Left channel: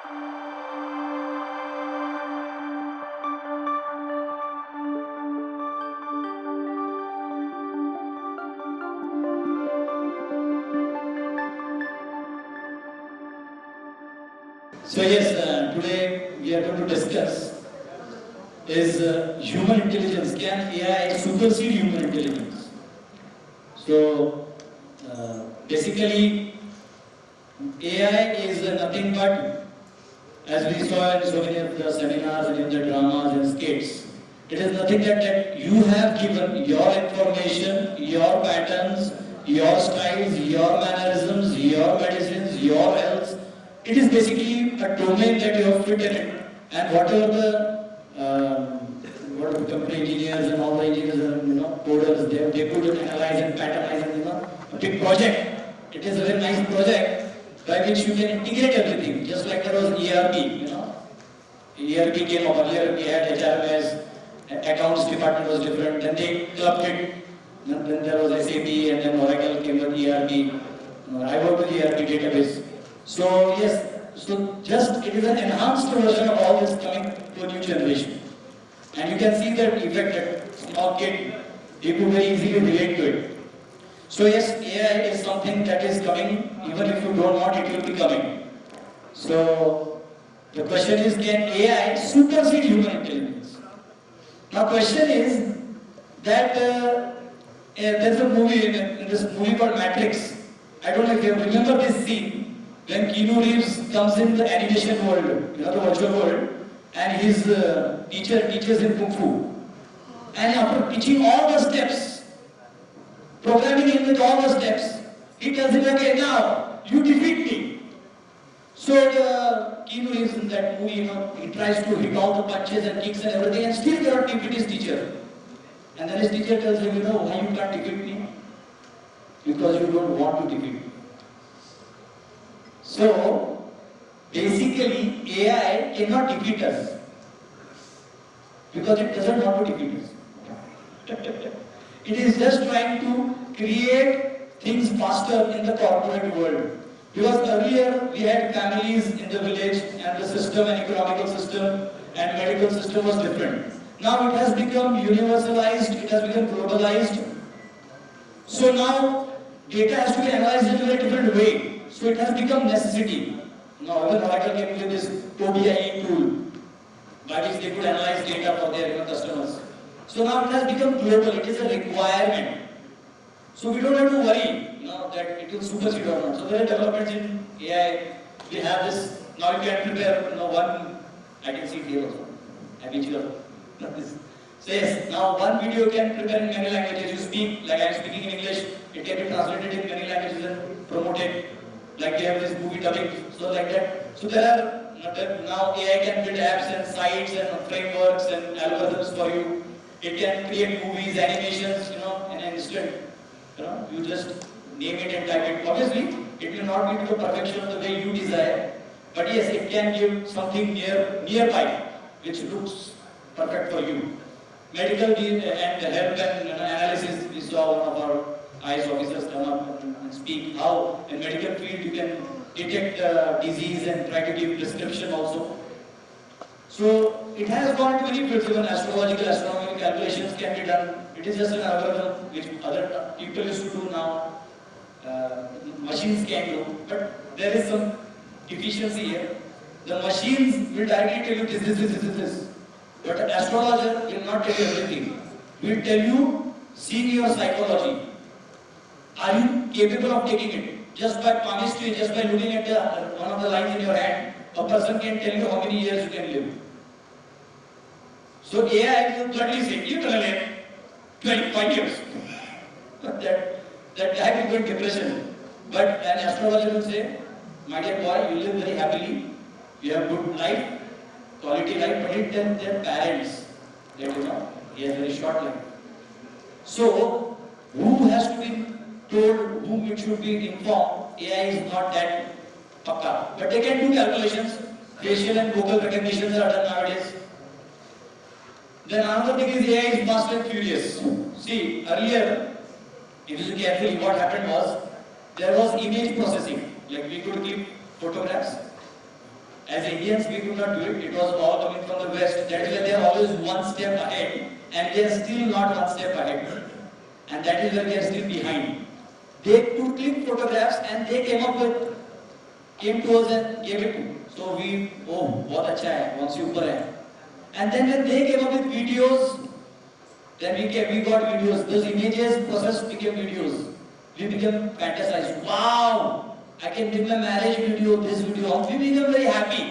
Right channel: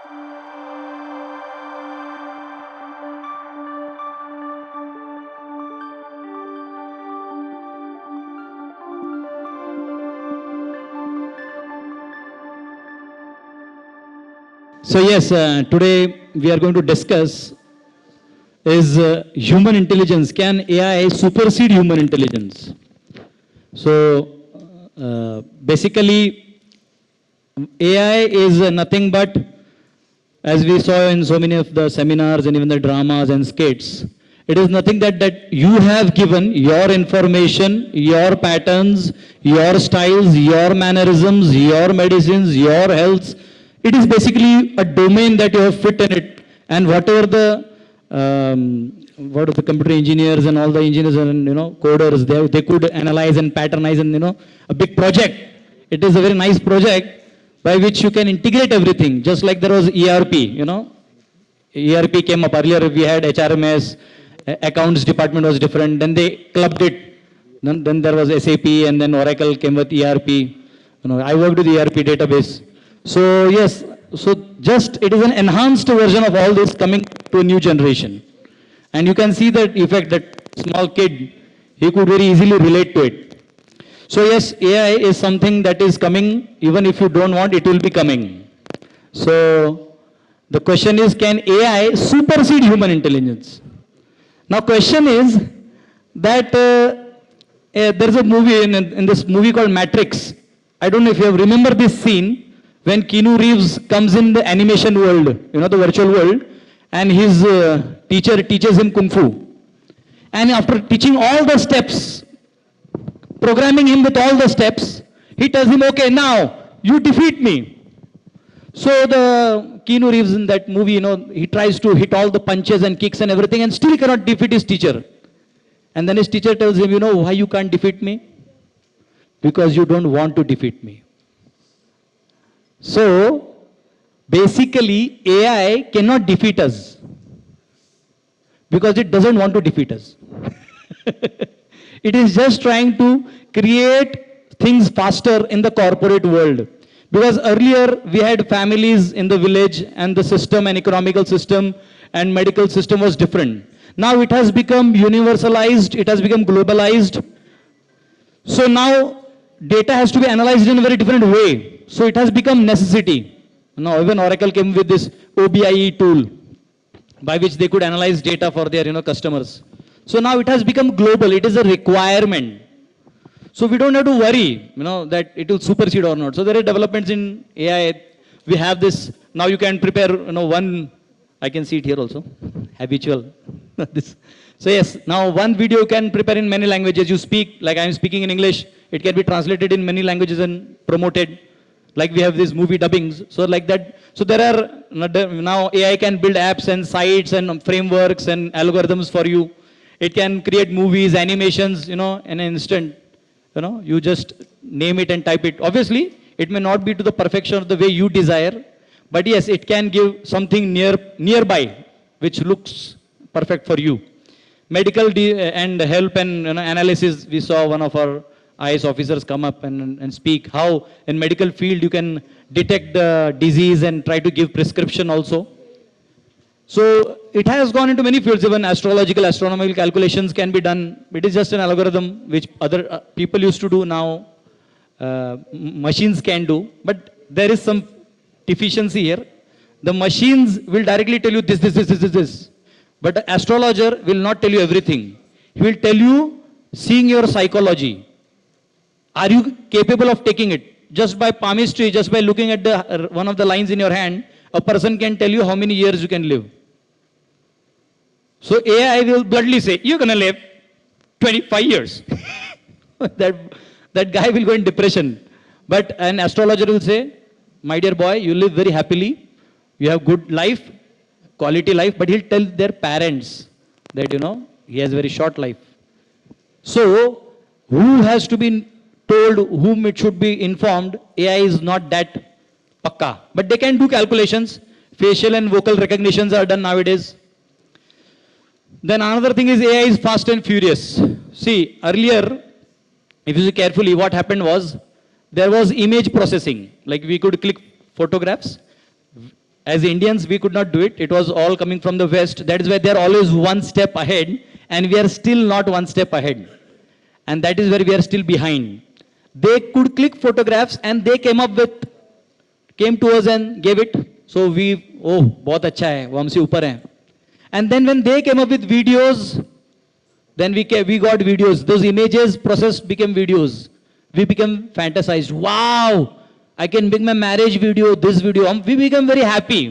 So yes, today we are going to discuss is human intelligence. Can AI supersede human intelligence? So basically AI is nothing but, as we saw in so many of the seminars and even the dramas and skits, it is nothing that you have given your information, your patterns, your styles, your mannerisms, your medicines, your health. It is basically a domain that you have fit in it, and whatever what are the computer engineers and all the engineers and coders, they could analyze and patternize and a big project. It is a very nice project by which you can integrate everything, just like there was ERP, ERP came up earlier, we had HRMS, accounts department was different, then they clubbed it, then there was SAP, and then Oracle came with ERP. I worked with ERP database. So yes, so just it is an enhanced version of all this coming to a new generation. And you can see that effect, that small kid, he could very easily relate to it. So yes, AI is something that is coming, even if you don't want, it will be coming. So the question is, can AI supersede human intelligence? Now question is that there's a movie, in this movie called Matrix. I don't know if you have remember this scene when Keanu Reeves comes in the animation world, the virtual world, and his teacher teaches him Kung Fu. And after teaching all the steps, programming him with all the steps, he tells him, okay, now you defeat me. So the Keanu Reeves in that movie, he tries to hit all the punches and kicks and everything and still cannot defeat his teacher. And then his teacher tells him, why you can't defeat me? Because you don't want to defeat me. So basically AI cannot defeat us because it doesn't want to defeat us. It is just trying to create things faster in the corporate world. Because earlier we had families in the village and the system and economical system and medical system was different. Now it has become universalized, it has become globalized. So now data has to be analyzed in a very different way. So it has become necessity. Now even Oracle came with this OBIE tool by which they could analyze data for their customers. So now it has become global, it is a requirement. So we don't have to worry, that it will supersede or not. So there are developments in AI. We have this, now you can prepare, one, I can see it here also, habitual. This. So yes, now one video you can prepare in many languages. You speak, like I am speaking in English, it can be translated in many languages and promoted. Like we have this movie dubbings, so like that. So there are, now AI can build apps and sites and frameworks and algorithms for you. It can create movies, animations, in an instant. You just name it and type it. Obviously, it may not be to the perfection of the way you desire, but yes, it can give something nearby, which looks perfect for you. Medical and help and analysis, we saw one of our IAS officers come up and speak how in medical field you can detect the disease and try to give prescription also. So it has gone into many fields, even astrological, astronomical calculations can be done. It is just an algorithm which other people used to do, now machines can do. But there is some deficiency here. The machines will directly tell you this. But the astrologer will not tell you everything. He will tell you, seeing your psychology. Are you capable of taking it? Just by palmistry, just by looking at one of the lines in your hand, a person can tell you how many years you can live. So AI will bluntly say, you're going to live 25 years. that guy will go in depression. But an astrologer will say, my dear boy, you live very happily, you have good life, quality life, but he'll tell their parents that, he has a very short life. So, who has to be told whom it should be informed? AI is not that pakka. But they can do calculations. Facial and vocal recognitions are done nowadays. Then another thing is AI is fast and furious. See, earlier, if you see carefully, what happened was, there was image processing. Like we could click photographs, As Indians, we could not do it. It was all coming from the West. That is why they are always one step ahead, and we are still not one step ahead. And that is where we are still behind. They could click photographs, and they came to us and gave it. So we, oh, बहुत अच्छा है, वो हमसे ऊपर है. And then when they came up with videos, then we got videos. Those images processed became videos. We became fantasized. Wow, I can make my marriage video, this video. We became very happy.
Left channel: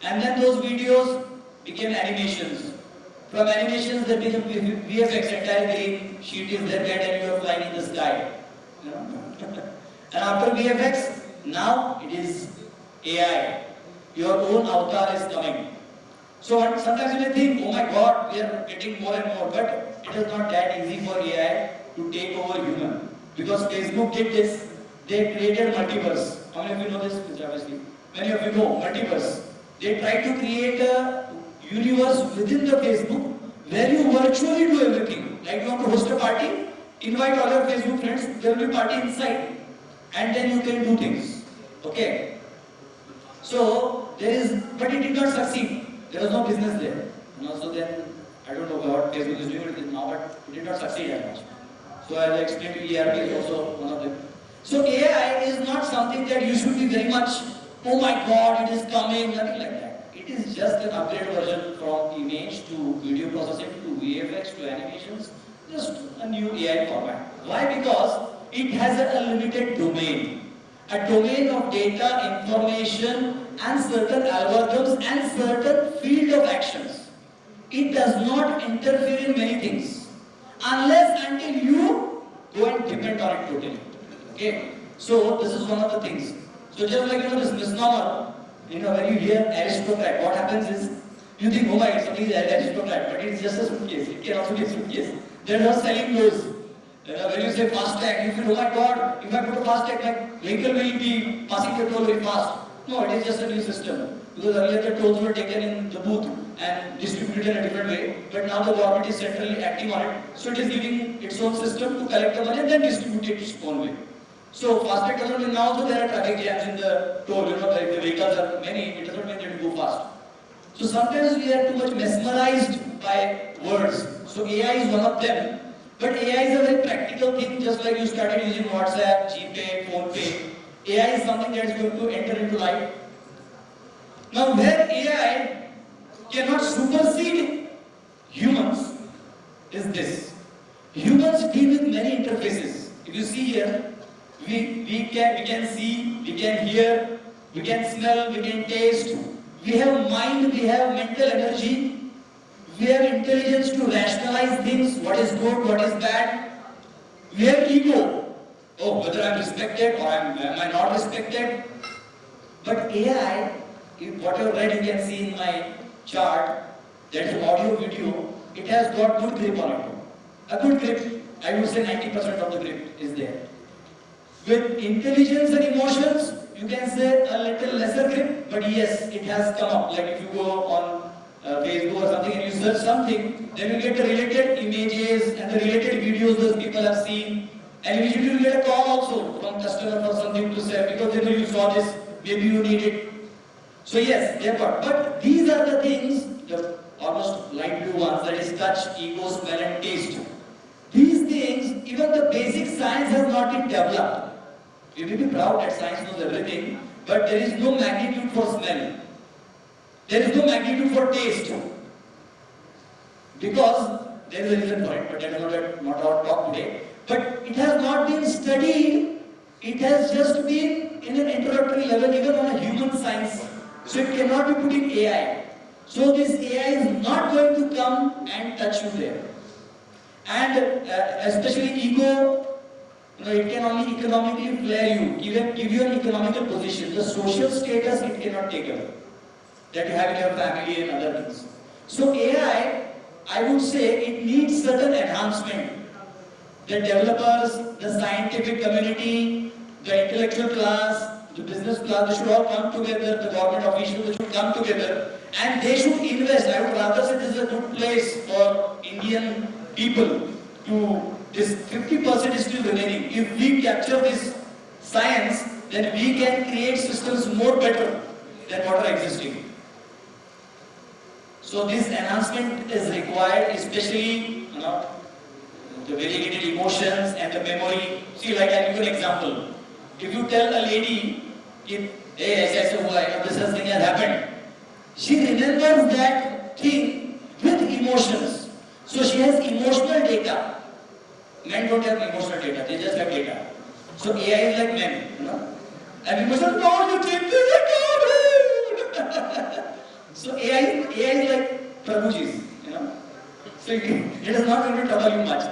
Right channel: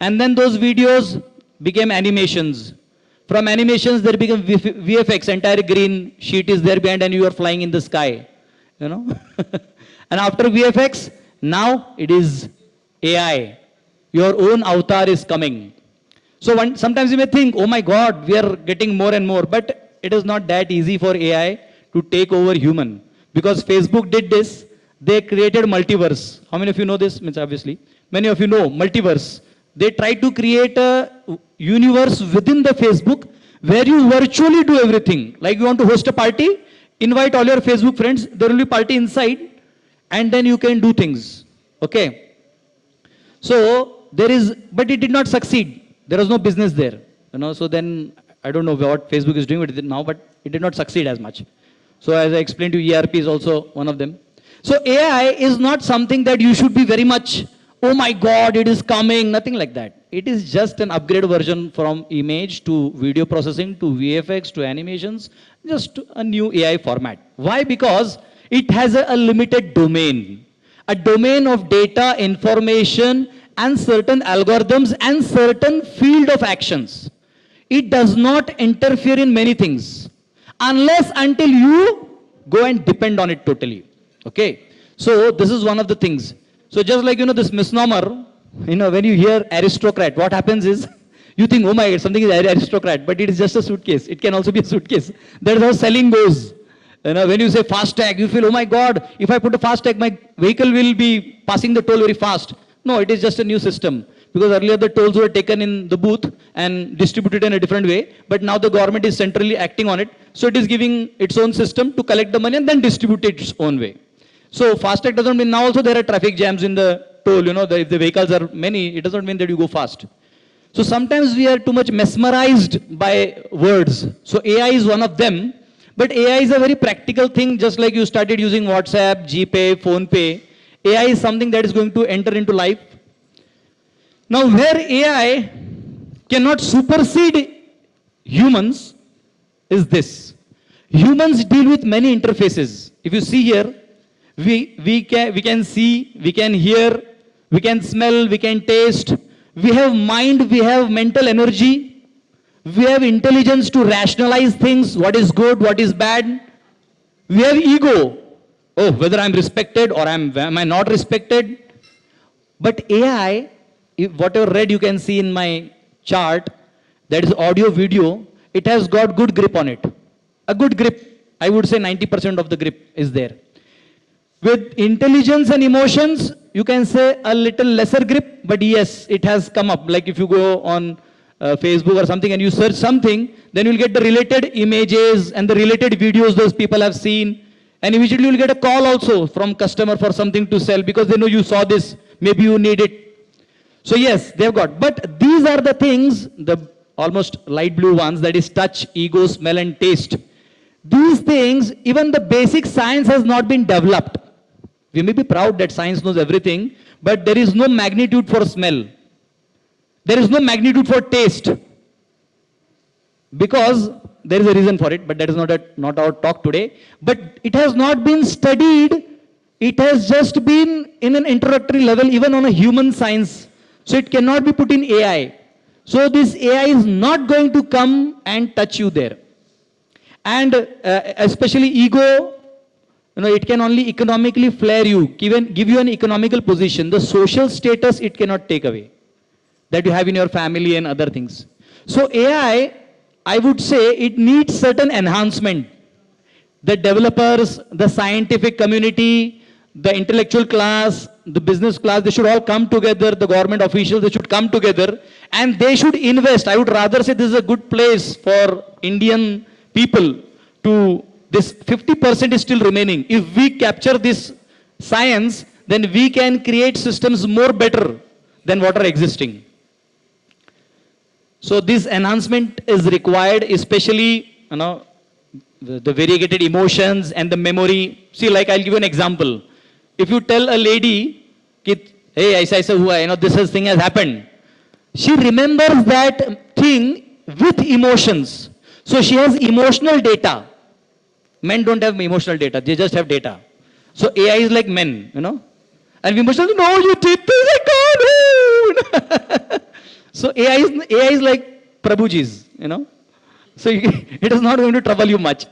And then those videos became animations. From animations, there became VFX. Entire green sheet is there behind, and you are flying in the sky. You know. And after VFX, now it is AI. Your own avatar is coming. So sometimes you may think, oh my God, we are getting more and more. But it is not that easy for AI to take over human. Because Facebook did this. They created multiverse. How many of you know this? Means obviously. Many of you know multiverse. They tried to create a universe within the Facebook where you virtually do everything. Like you want to host a party, invite all your Facebook friends. There will be party inside. And then you can do things. Okay. So there is, but it did not succeed. There was no business there, you know. So then I don't know what Facebook is doing with it now, but it did not succeed as much. So as I explained to you, ERP is also one of them. So AI is not something that you should be very much, oh my God, it is coming, nothing like that. It is just an upgrade version from image to video processing to VFX to animations, just a new AI format. Why? Because it has a limited domain, a domain of data, information, and certain algorithms and certain field of actions. It does not interfere in many things unless until you go and depend on it totally. Okay. So this is one of the things. So just like, you know, this misnomer, you know, when you hear aristocrat, what happens is you think, oh my God, something is aristocrat, but it is just a suitcase. It can also be a suitcase. That is how selling goes. You know, when you say fast tag, you feel, oh my God, if I put a fast tag, my vehicle will be passing the toll very fast. No, it is just a new system. Because earlier the tolls were taken in the booth and distributed in a different way. But now the government is centrally acting on it. So it is giving its own system to collect the money and then distribute it its own way. So FASTag doesn't mean now also there are traffic jams in the toll. You know, if the vehicles are many, it doesn't mean that you go fast. So sometimes we are too much mesmerized by words. So AI is one of them. But AI is a very practical thing, just like you started using WhatsApp, GPay, PhonePe. AI is something that is going to enter into life. Now, where AI cannot supersede humans is this. Humans deal with many interfaces. If you see here, we can see, we can hear, we can smell, we can taste. We have mind, we have mental energy. We have intelligence to rationalize things, what is good, what is bad. We have ego. Oh, whether I'm respected or am I not respected. But AI, whatever read you can see in my chart, that is audio, video, it has got good grip on it. A good grip. I would say 90% of the grip is there. With intelligence and emotions, you can say a little lesser grip, but yes, it has come up. Like if you go on Facebook or something and you search something, then you'll get the related images and the related videos those people have seen. And immediately you'll get a call also from customer for something to sell because they know you saw this, maybe you need it. So yes, they've got. But these are the things, the almost light blue ones, that is touch, ego, smell and taste. These things, even the basic science has not been developed. We may be proud that science knows everything, but there is no magnitude for smell. There is no magnitude for taste. Because there is a reason for it, but that is not our talk today. But it has not been studied. It has just been in an introductory level, even on a human science. So it cannot be put in AI. So this AI is not going to come and touch you there. And especially ego, you know, it can only economically flare you, give you an economical position. The social status it cannot take away that you have in your family and other things. So AI, I would say it needs certain enhancement. The developers, the scientific community, the intellectual class, the business class, they should all come together, the government officials, they should come together and they should invest. I would rather say this is a good place for Indian people to, this 50% is still remaining. If we capture this science, then we can create systems more better than what are existing. So this enhancement is required, especially the variegated emotions and the memory. See, like I'll give you an example. If you tell a lady, hey, aisa hua, this thing has happened, she remembers that thing with emotions. So she has emotional data. Men don't have emotional data, they just have data. So AI is like men, And we must say, no, you did this, I can't. So AI is like Prabhuji's, So it is not going to trouble you much.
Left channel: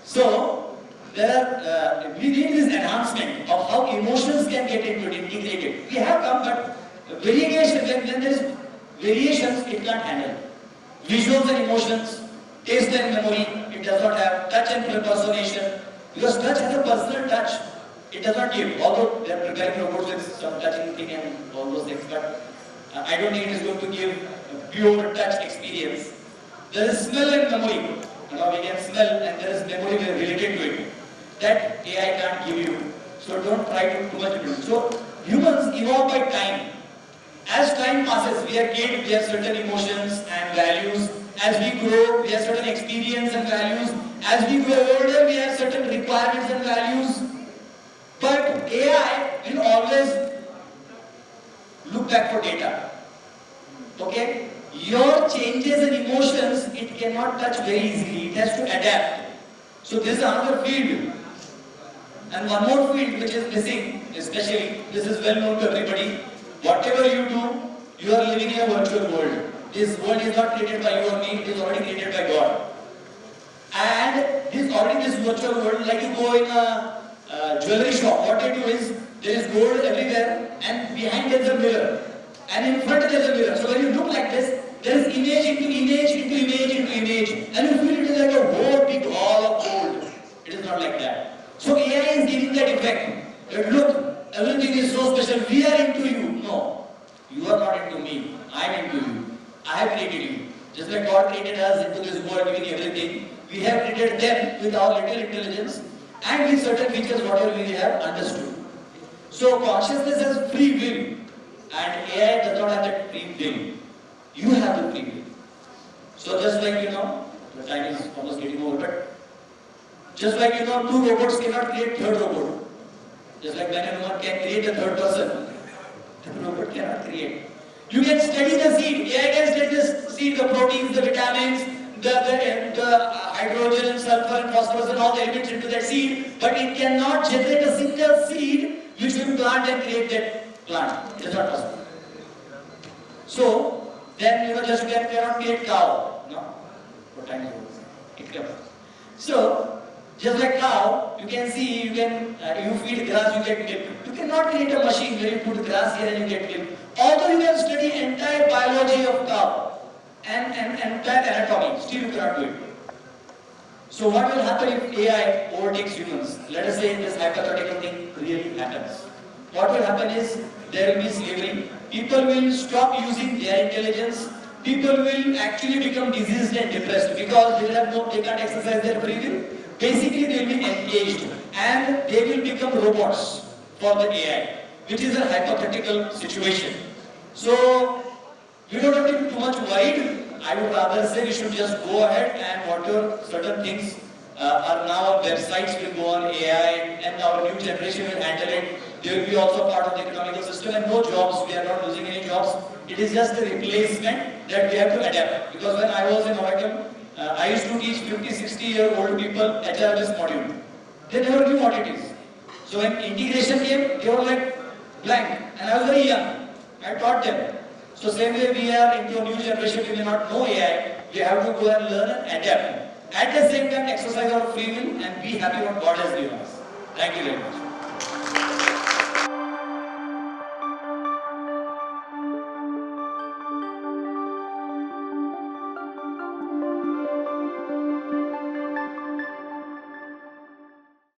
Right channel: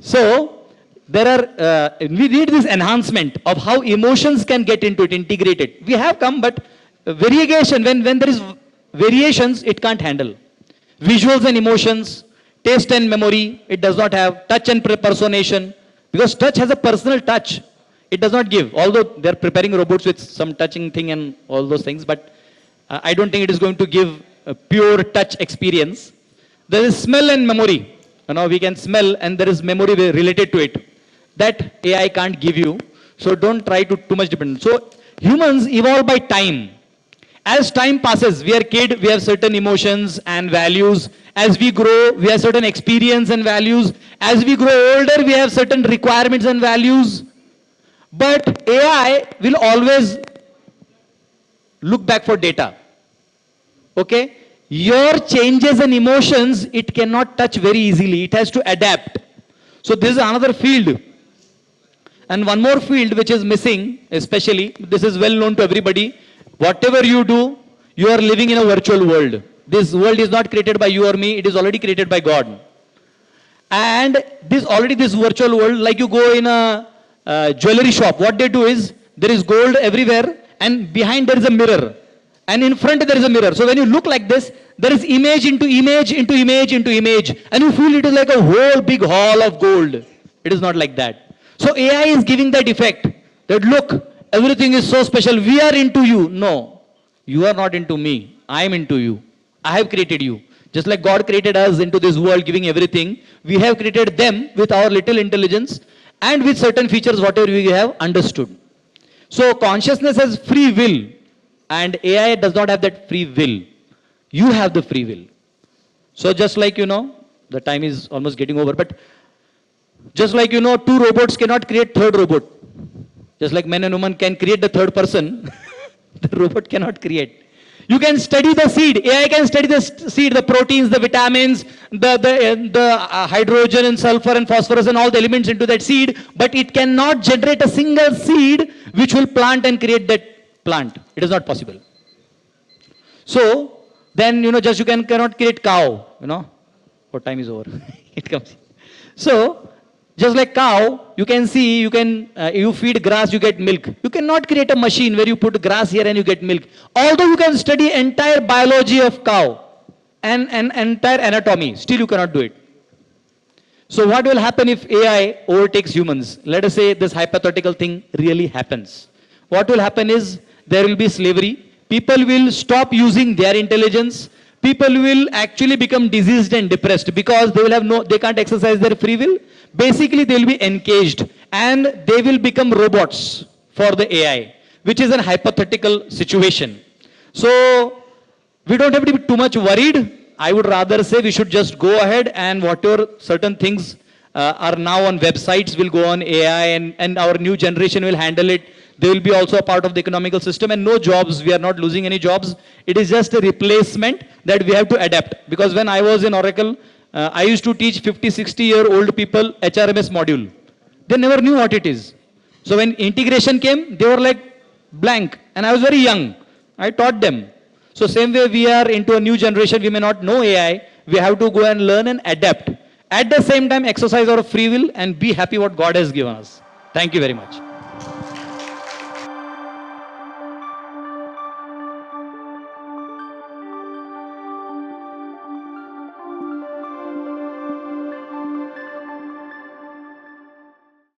So there are, we need this enhancement of how emotions can get into it, integrated. We have come, but variegation, when there is variations, it can't handle. Visuals and emotions, taste and memory, it does not have. Touch and personation, because touch has a personal touch. It does not give, although they are preparing robots with some touching thing and all those things, but I don't think it is going to give a pure touch experience. There is smell and memory. We can smell and there is memory related to it. That AI can't give you. So don't try to too much depend. So humans evolve by time. As time passes, we are kid, we have certain emotions and values. As we grow, we have certain experience and values. As we grow older, we have certain requirements and values. But AI will always look back for data. Okay? Your changes and emotions, it cannot touch very easily. It has to adapt. So this is another field. And one more field which is missing, especially, this is well known to everybody. Whatever you do, you are living in a virtual world. This world is not created by you or me, it is already created by God. And this virtual world, like you go in a jewelry shop, what they do is, there is gold everywhere and behind there is a mirror. And in front there is a mirror. So when you look like this, there is image into image into image into image. And you feel it is like a whole big hall of gold. It is not like that. So AI is giving that effect that look, everything is so special. We are into you. No, you are not into me. I am into you. I have created you. Just like God created us into this world, giving everything, we have created them with our little intelligence and with certain features, whatever we have understood. So consciousness has free will and AI does not have that free will. You have the free will. So just like, the time is almost getting over, but just like, two robots cannot create third robot. Just like man and woman can create the third person, the robot cannot create. You can study the seed. AI can study the seed, the proteins, the vitamins, the hydrogen and sulfur and phosphorus and all the elements into that seed, but it cannot generate a single seed which will plant and create that plant. It is not possible. So then, just you cannot create cow, what time is over. It comes. So just like cow, you can see, you feed grass, you get milk. You cannot create a machine where you put grass here and you get milk. Although you can study entire biology of cow and entire anatomy, still you cannot do it. So what will happen if AI overtakes humans? Let us say this hypothetical thing really happens. What will happen is there will be slavery. People will stop using their intelligence. People will actually become diseased and depressed because they can't exercise their free will. Basically, they will be encaged and they will become robots for the AI, which is a hypothetical situation. So we don't have to be too much worried. I would rather say we should just go ahead and whatever certain things are now on websites will go on AI and our new generation will handle it. They will be also a part of the economical system and no jobs. We are not losing any jobs. It is just a replacement that we have to adapt. Because when I was in Oracle, I used to teach 50, 60-year-old people HRMS module. They never knew what it is. So when integration came, they were like blank. And I was very young. I taught them. So same way we are into a new generation, we may not know AI. We have to go and learn and adapt. At the same time, exercise our free will and be happy what God has given us. Thank you very much.